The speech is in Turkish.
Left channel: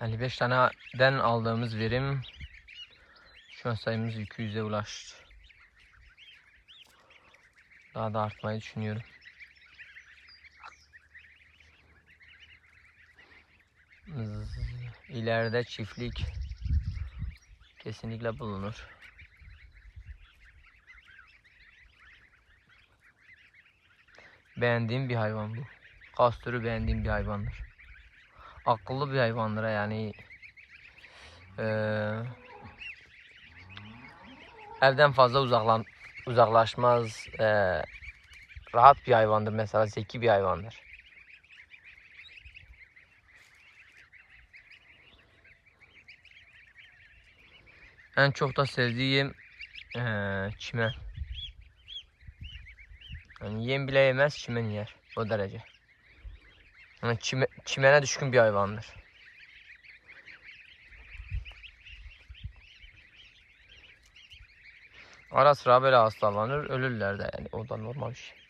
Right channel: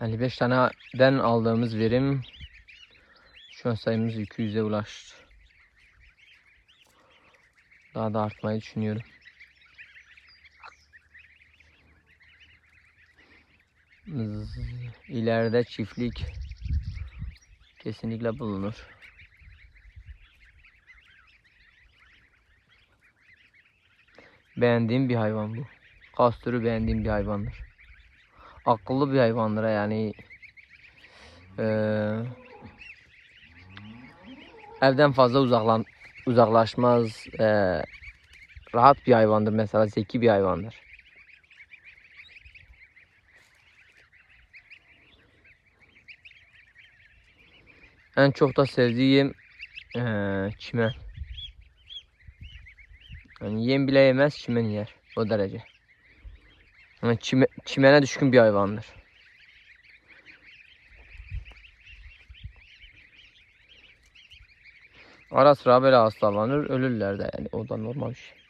55 taneden aldığımız verim şu an sayımız 200'e ulaştı. Daha da artmayı düşünüyorum. İleride çiftlik kesinlikle bulunur. Beğendiğim bir hayvan bu. Kastürü beğendiğim bir hayvandır. Akıllı bir hayvandır yani. Evden fazla uzaklaşmaz. Rahat bir hayvandır mesela, zeki bir hayvandır. En çok da sevdiğim çimen. Yani yem bile yemez, çimen yer. O derece. Yani çimene düşkün bir hayvandır. Ara sıra böyle hastalanır, ölürler de yani. O da normal bir şey.